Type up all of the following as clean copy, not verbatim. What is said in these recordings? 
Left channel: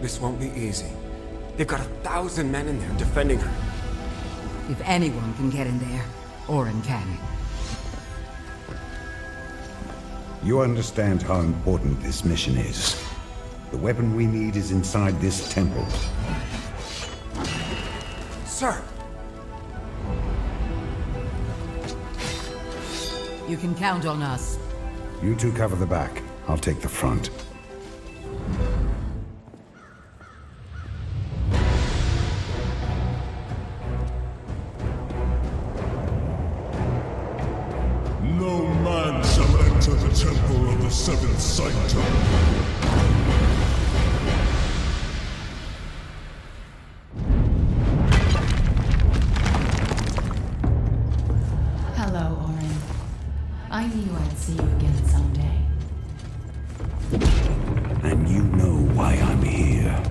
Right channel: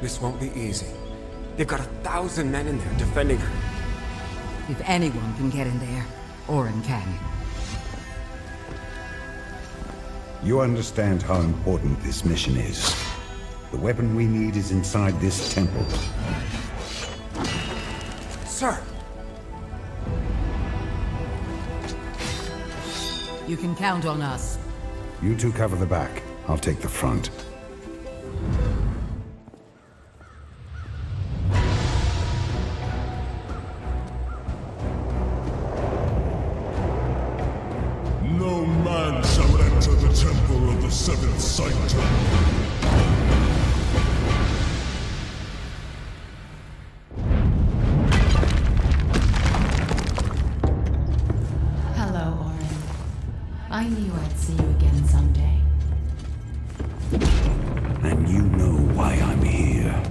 This won't be easy. They've got 1,000 men in there defending her. If anyone can get in there, Orin can. You understand how important this mission is. The weapon we need is inside this temple. Sir! You can count on us. You two cover the back. I'll take the front. No man shall enter the temple of the seventh sanctum. Hello, Orin. I knew I'd see you again someday. And you know why I'm here.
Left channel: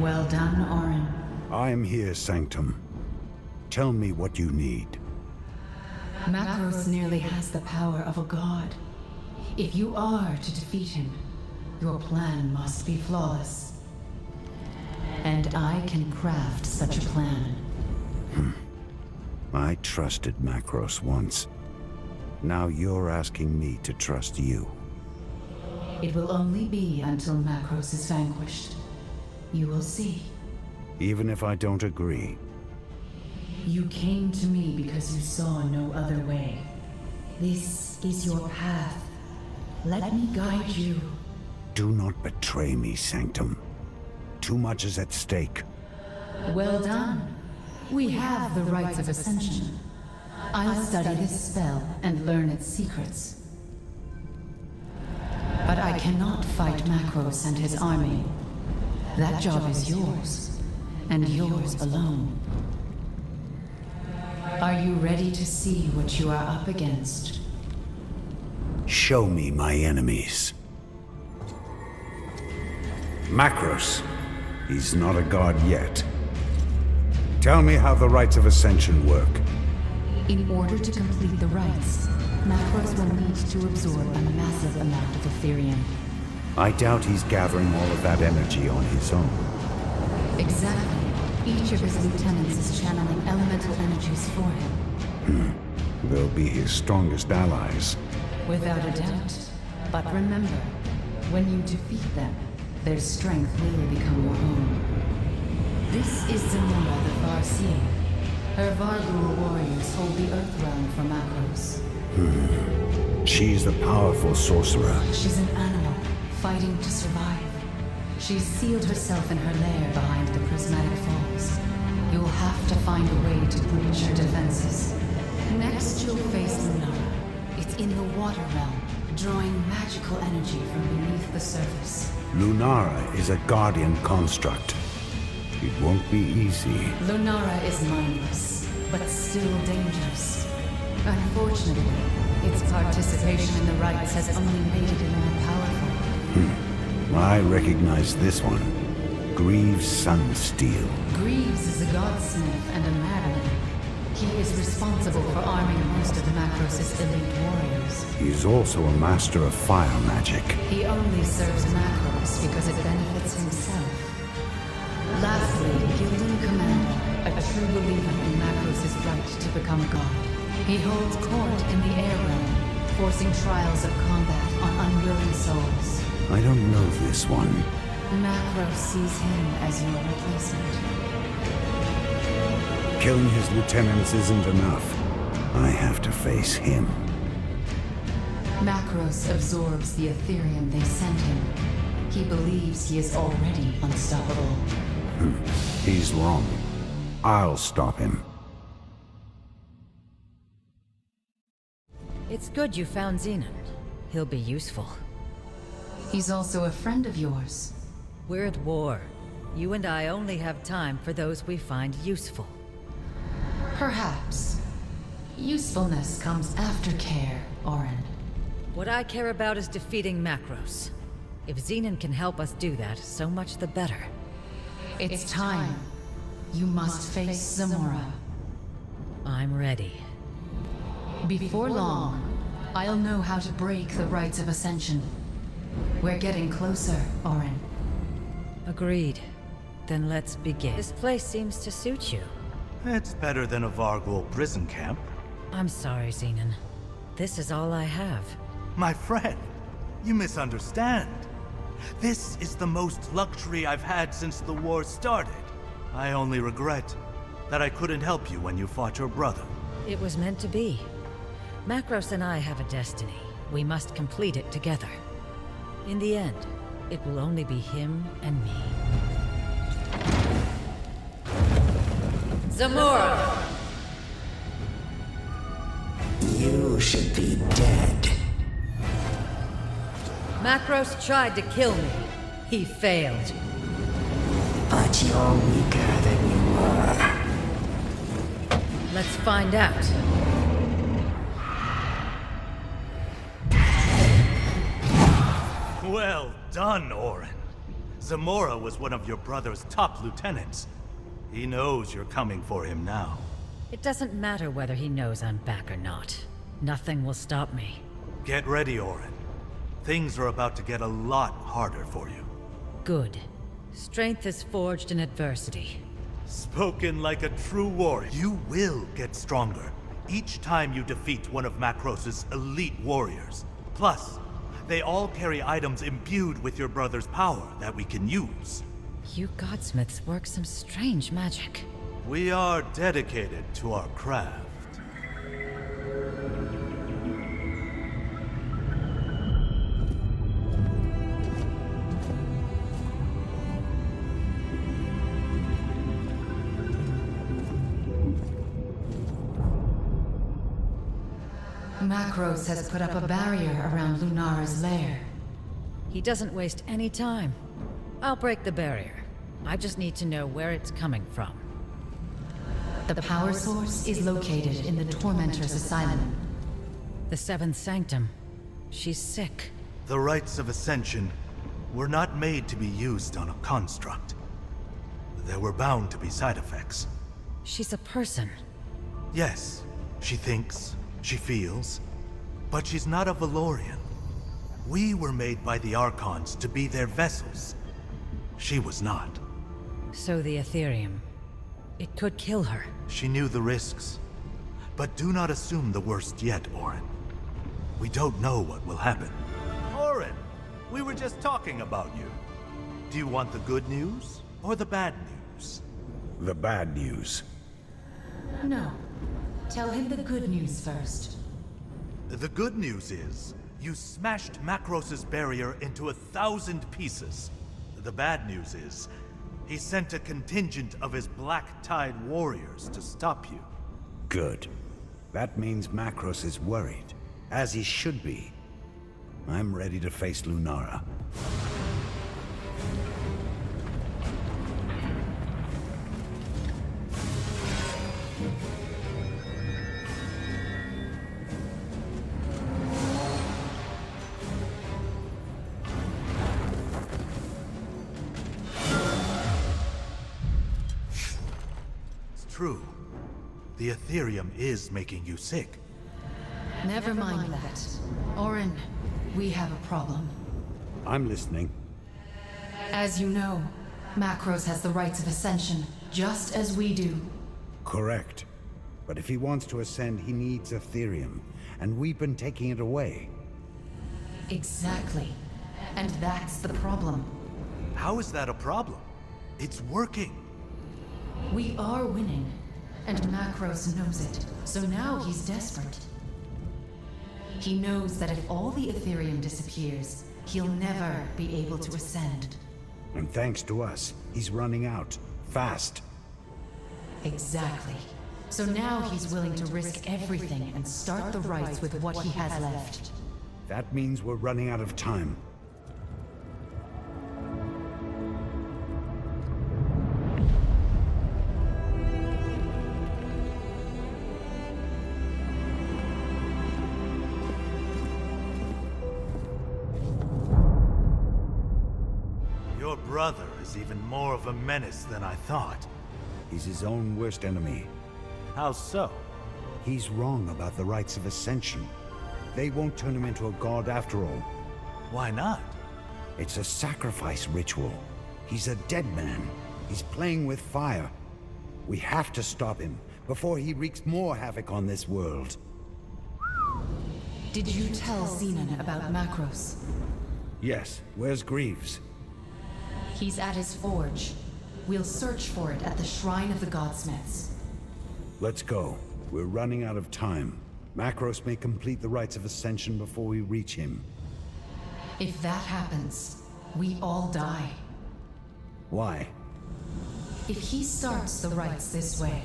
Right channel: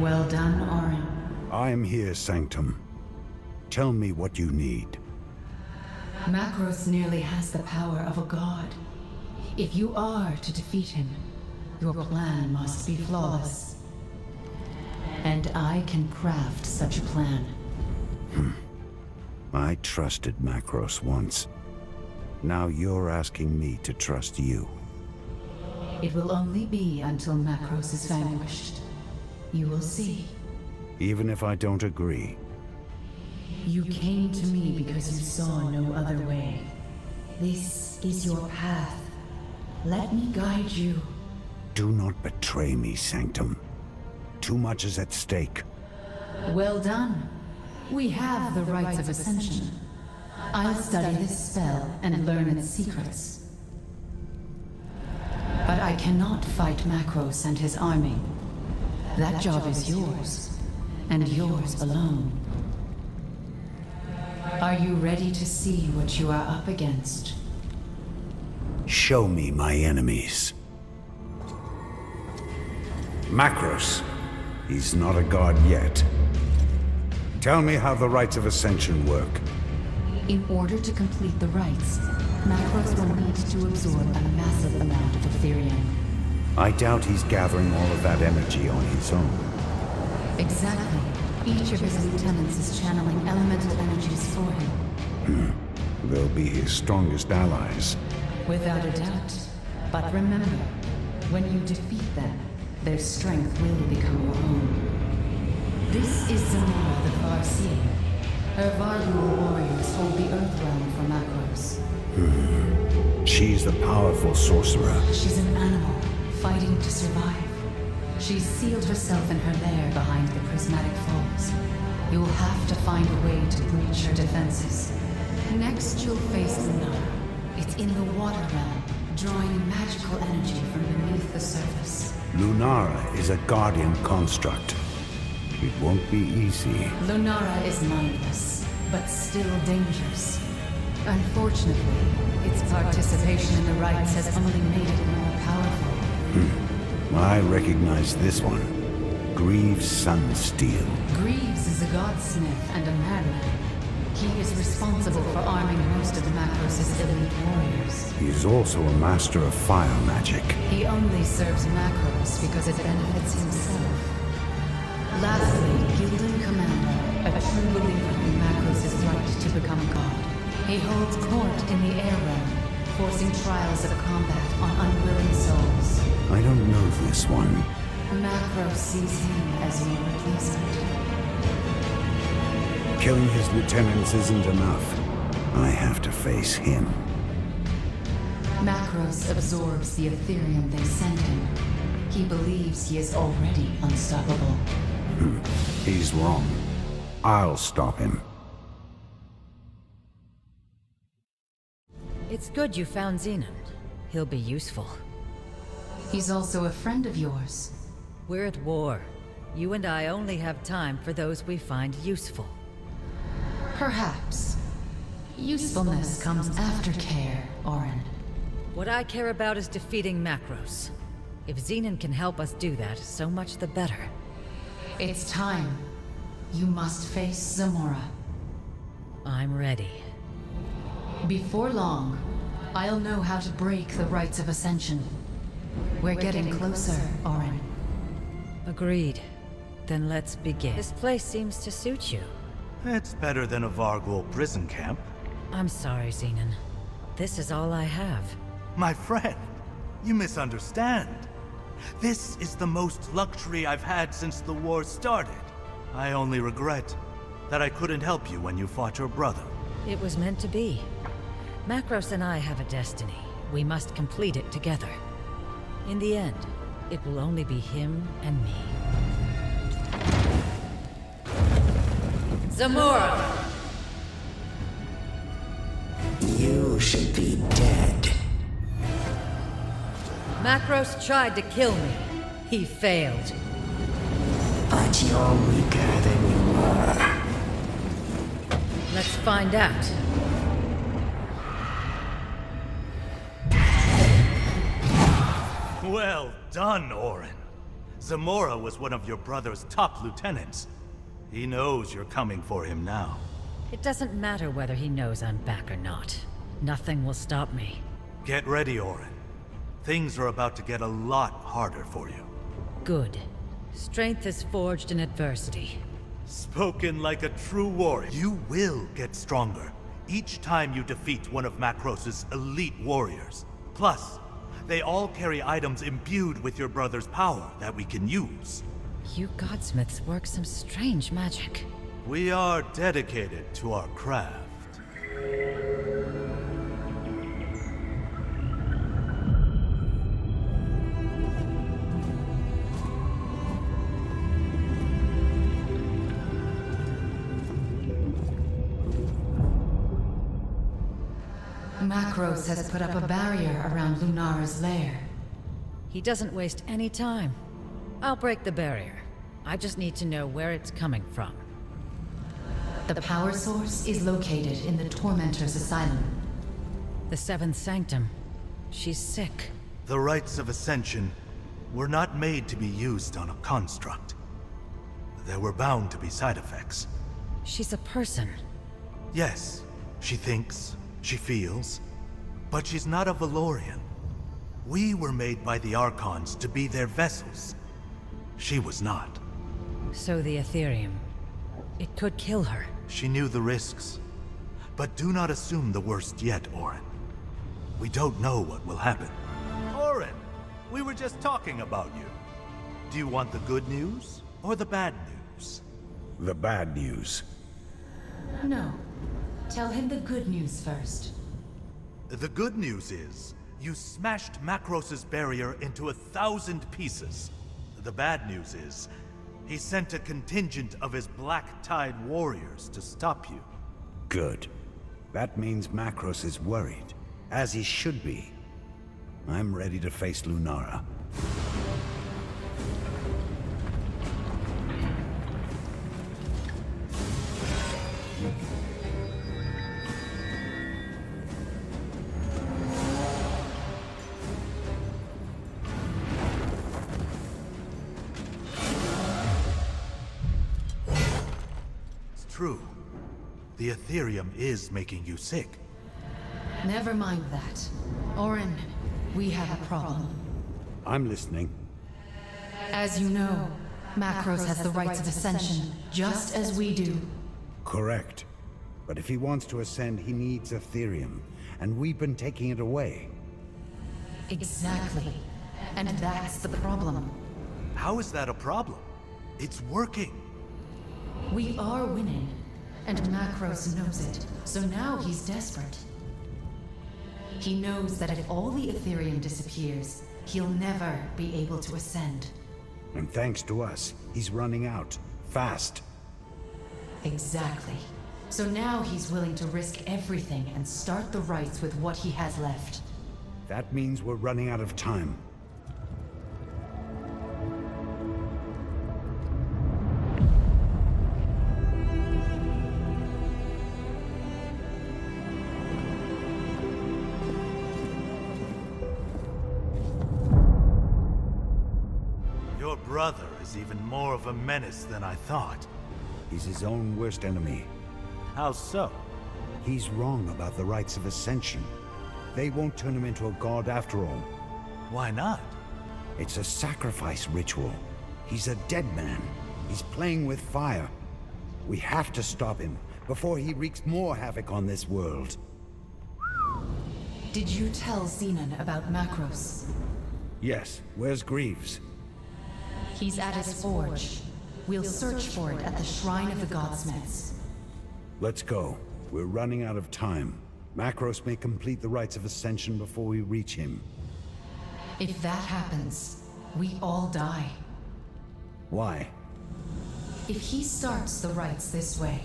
Well done, Orin. I am here, Sanctum. Tell me what you need. Macros nearly has the power of a god. If you are to defeat him, your plan must be flawless. And I can craft such a plan. I trusted Macros once. Now you're asking me to trust you. It will only be until Macros is vanquished. You will see. Even if I don't agree. You came to me because you saw no other way. This is your path. Let me guide you. Do not betray me, Sanctum. Too much is at stake. Well done. We have the rites of ascension. I'll study this spell and learn its secrets. But I cannot fight Macros and his army. That job is yours, and yours alone. Are you ready to see what you are up against? Show me my enemies. Macros. He's not a god yet. Tell me how the rites of ascension work. In order to complete the rites, Macros will need to absorb a massive amount of Ethereum. I doubt he's gathering all of that energy on his own. Exactly. Each of his lieutenants is channeling elemental energies for him. They'll be his strongest allies. Without a doubt. But remember, when you defeat them, their strength will become your own. This is Zamora the Farseer. Her Vargul warriors hold the Earth Realm for Macros. She's the powerful sorcerer. She's an animal, fighting to survive. She's sealed herself in her lair behind the Prismatic Falls. You'll have to find a way to breach her defenses. Next, you'll face Lunara. It's in the Water Realm, drawing magical energy from beneath the surface. Lunara is a guardian construct. It won't be easy. Lunara is mindless, but still dangerous. Unfortunately, its participation in the rites has only made it more powerful. I recognize this one. Greaves Sunsteel. Greaves is a godsmith and a madman. He is responsible for arming most of Macros' elite warriors. He is also a master of fire magic. He only serves Macros because it benefits himself. Lastly, Gildan Commander, a true believer in Macros' right to become a god. He holds court in the air realm, forcing trials of combat on unwilling souls. I don't know this one. Macros sees him as your replacement. Killing his lieutenants isn't enough. I have to face him. Macros absorbs the Ethereum they send him. He believes he is already unstoppable. He's wrong. I'll stop him. It's good you found Xenon. He'll be useful. He's also a friend of yours. We're at war. You and I only have time for those we find useful. Perhaps. Usefulness comes after care, Orin. What I care about is defeating Macros. If Xenon can help us do that, so much the better. It's time. You must face Zamora. I'm ready. Before long, I'll know how to break the rites of Ascension. We're getting closer, Orin. Agreed. Then let's begin. This place seems to suit you. It's better than a Vargul prison camp. I'm sorry, Xenon. This is all I have. My friend, you misunderstand. This is the most luxury I've had since the war started. I only regret that I couldn't help you when you fought your brother. It was meant to be. Macros and I have a destiny. We must complete it together. In the end, it will only be him and me. Zamora! You should be dead. Macros tried to kill me. He failed. But you're weaker than you were. Let's find out. Well done, Orin. Zamora was one of your brother's top lieutenants. He knows you're coming for him now. It doesn't matter whether he knows I'm back or not. Nothing will stop me. Get ready, Orin. Things are about to get a lot harder for you. Good. Strength is forged in adversity. Spoken like a true warrior. You will get stronger each time you defeat one of Macros' elite warriors. Plus, they all carry items imbued with your brother's power that we can use. You godsmiths work some strange magic. We are dedicated to our craft. Macros has put up a barrier around Lunara's lair. He doesn't waste any time. I'll break the barrier. I just need to know where it's coming from. The power source is located in the Tormentor's Asylum. The Seventh Sanctum. She's sick. The rites of Ascension were not made to be used on a construct. There were bound to be side effects. She's a person. Yes, she thinks, she feels, but she's not a Valorian. We were made by the Archons to be their vessels. She was not. So the Ethereum. It could kill her. She knew the risks. But do not assume the worst yet, Orin. We don't know what will happen. Orin, we were just talking about you. Do you want the good news or the bad news? The bad news. No. Tell him the good news first. The good news is, you smashed Macros's barrier into 1,000 pieces. The bad news is, he sent a contingent of his Black Tide warriors to stop you. Good. That means Macros is worried, as he should be. I'm ready to face Lunara. True. The Ethereum is making you sick. Never mind that. Orin, we have a problem. I'm listening. As you know, Macros has the rights of Ascension, just as we do. Correct. But if he wants to ascend, he needs Ethereum, and we've been taking it away. Exactly. And that's the problem. How is that a problem? It's working. We are winning, and Macros knows it, so now he's desperate. He knows that if all the Ethereum disappears, he'll never be able to ascend. And thanks to us, he's running out. Fast. Exactly. So now he's willing to risk everything and start the rites with what he has left. That means we're running out of time. Your brother is even more of a menace than I thought. He's his own worst enemy. How so? He's wrong about the rites of Ascension. They won't turn him into a god after all. Why not? It's a sacrifice ritual. He's a dead man. He's playing with fire. We have to stop him before he wreaks more havoc on this world. Did you tell Xenon about Macros? Yes, where's Greaves? He's at his forge. We'll search for it at the Shrine of the Godsmiths. Let's go. We're running out of time. Macros may complete the rites of Ascension before we reach him. If that happens, we all die. Why? If he starts the rites this way,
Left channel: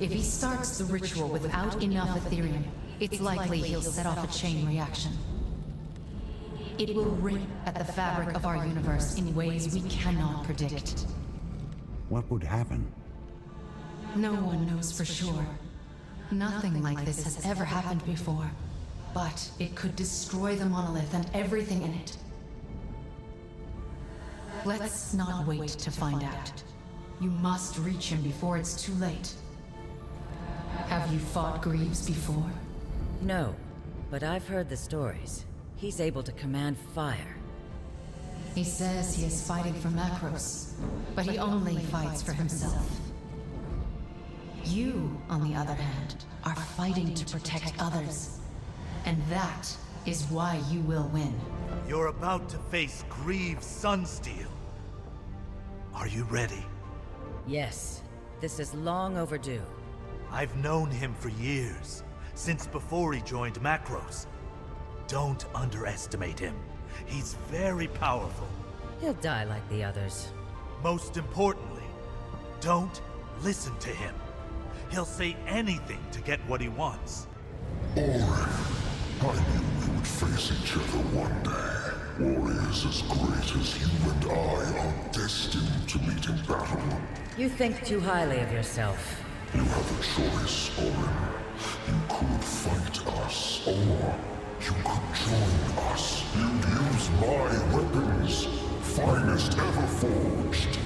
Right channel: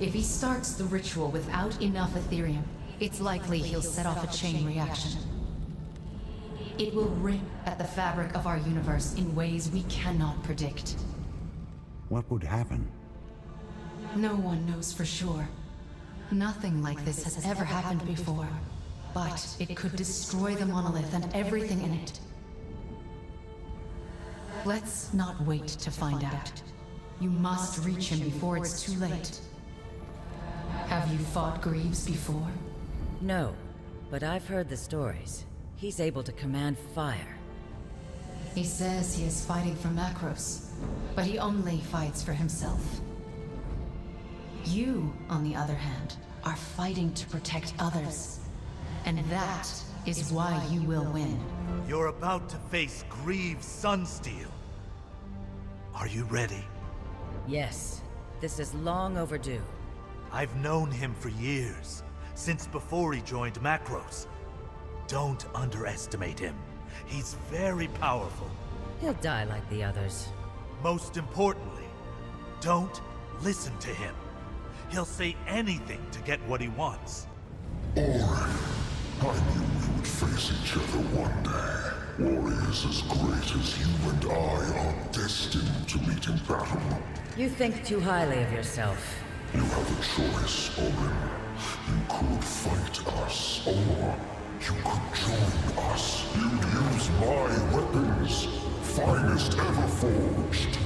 if he starts the ritual without enough Ethereum, it's likely he'll set off a chain reaction. It will rip at the fabric of our universe in ways we cannot predict. What would happen? No one knows for sure. Nothing like this has ever happened before. But it could destroy the monolith and everything in it. Let's not wait to find out. You must reach him before it's too late. Have you fought Greaves before? No, but I've heard the stories. He's able to command fire. He says he is fighting for Macros, but he only fights for himself. You, on the other hand, are fighting to protect others. And that is why you will win. You're about to face Greaves Sunsteel. Are you ready? Yes, this is long overdue. I've known him for years, since before he joined Macros. Don't underestimate him. He's very powerful. He'll die like the others. Most importantly, don't listen to him. He'll say anything to get what he wants. Orin, I knew we would face each other one day. Warriors as great as you and I are destined to meet in battle. You think too highly of yourself. You have a choice, Orin. You could fight us, or you could join us. You'd use my weapons, finest ever forged.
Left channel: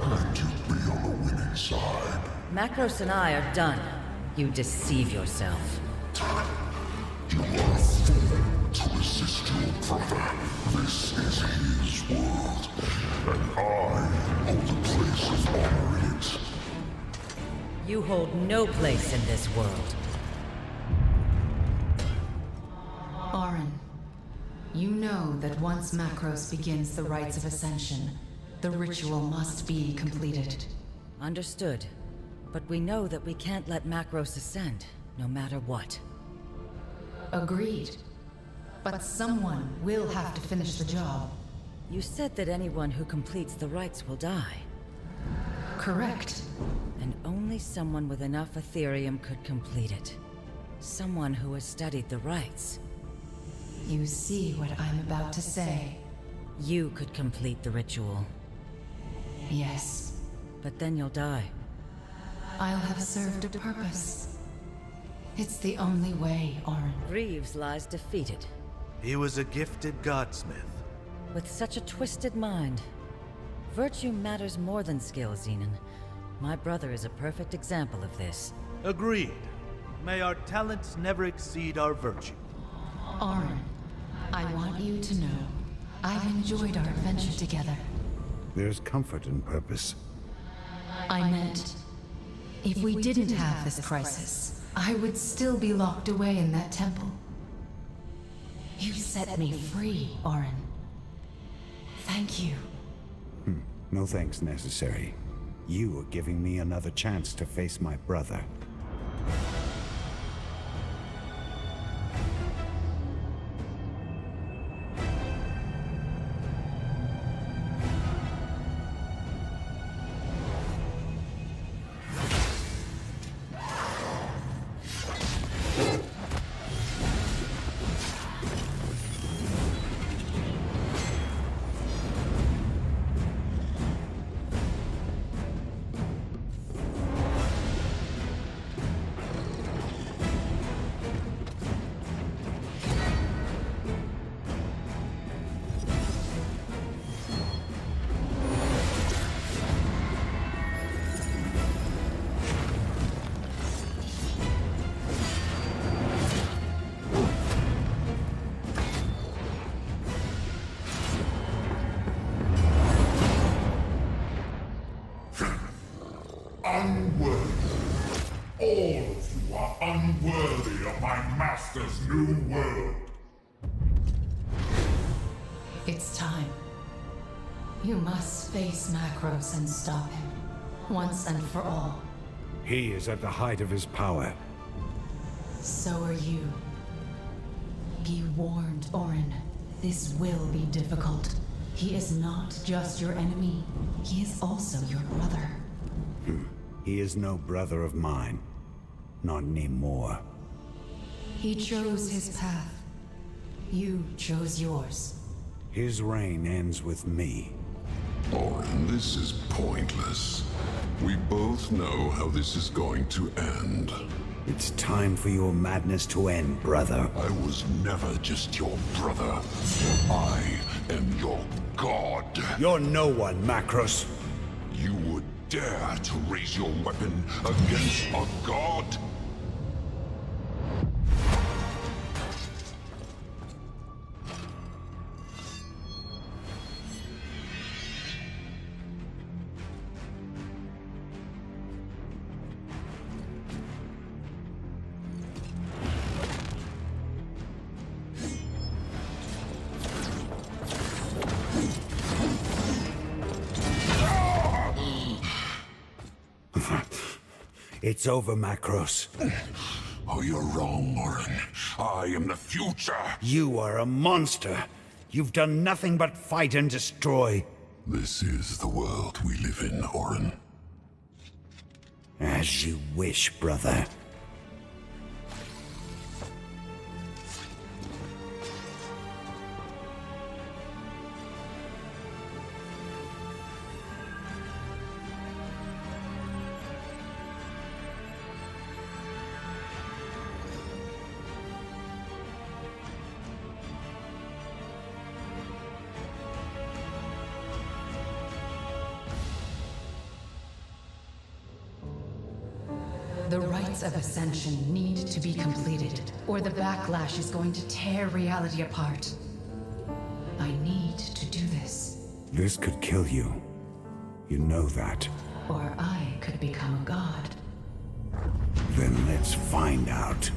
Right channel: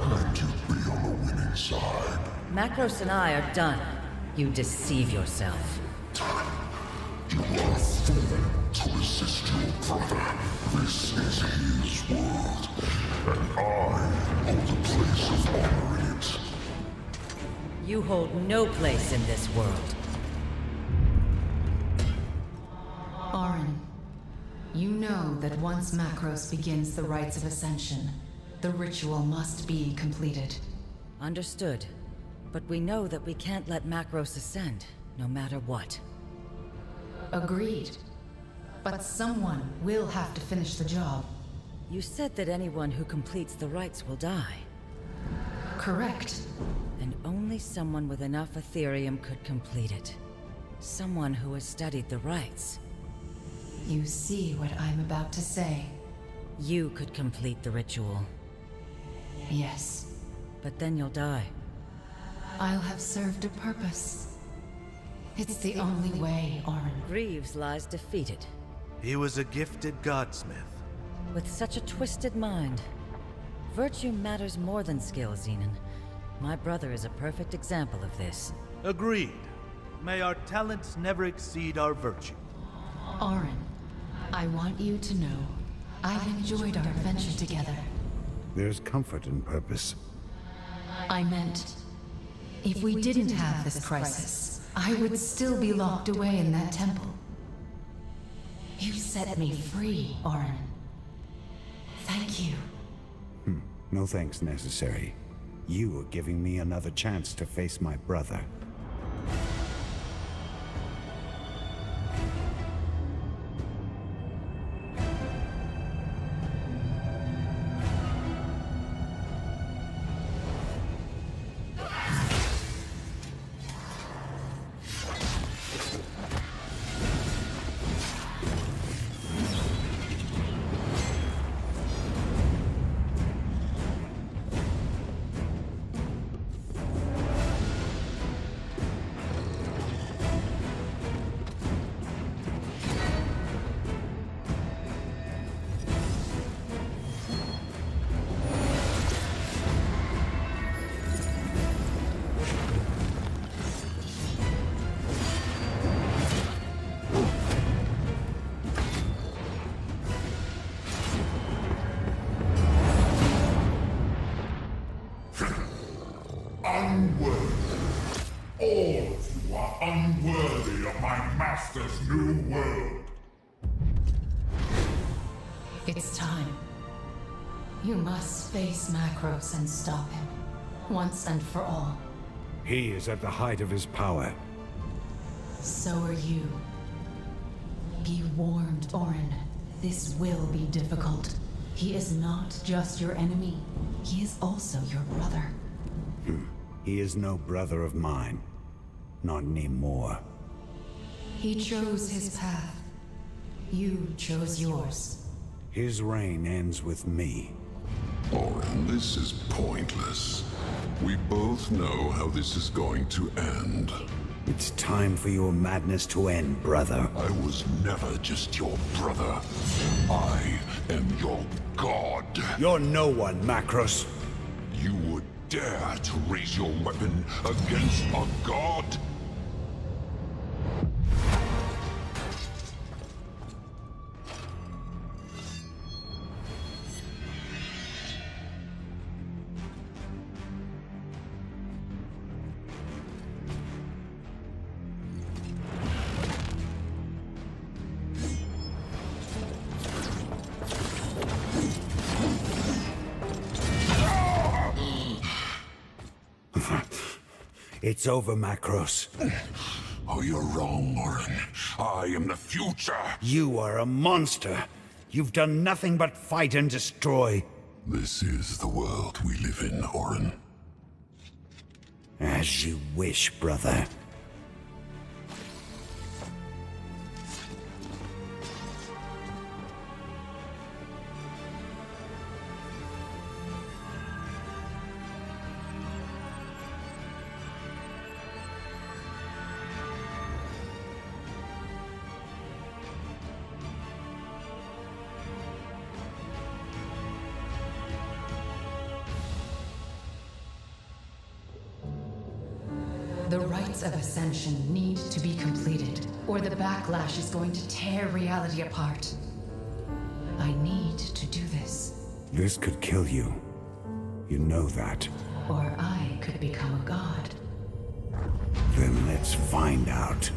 And you'd be on the winning side. Macros and I are done. You deceive yourself. You are a fool to resist your brother. This is his world, and I hold a place of honor in it. You hold no place in this world. Orin, you know that once Macros begins the rites of Ascension, the ritual must be completed. Understood. But we know that we can't let Macros ascend, no matter what. Agreed. But someone will have to finish the job. You said that anyone who completes the rites will die. Correct. And only someone with enough Ethereum could complete it. Someone who has studied the rites. You see what I'm about to say. You could complete the ritual. Yes. But then you'll die. I'll have served a purpose. It's the only way, Orin. Greaves lies defeated. He was a gifted godsmith. With such a twisted mind. Virtue matters more than skill, Xenon. My brother is a perfect example of this. Agreed. May our talents never exceed our virtue. Orin, I want you to know, I've enjoyed our adventure together. There's comfort in purpose. I meant, if we didn't have this crisis, I would still be locked away in that temple. You set me free, Orin. Thank you. No thanks necessary. You are giving me another chance to face my brother. Unworthy. All of you are unworthy of my master's new world. It's time. You must face Macros and stop him, once and for all. He is at the height of his power. So are you. Be warned, Orin. This will be difficult. He is not just your enemy. He is also your brother. He is no brother of mine. Not anymore. He chose his path. You chose yours. His reign ends with me. Orin, this is pointless. We both know how this is going to end. It's time for your madness to end, brother. I was never just your brother. I am your god. You're no one, Macros. You would dare to raise your weapon against a god? It's over, Macros. Oh, you're wrong, Orin. I am the future. You are a monster. You've done nothing but fight and destroy. This is the world we live in, Orin. As you wish, brother. The rites of ascension need to be completed, or the backlash is going to tear reality apart. I need to do this, This could kill you. You know that. or I could become a god. Then let's find out.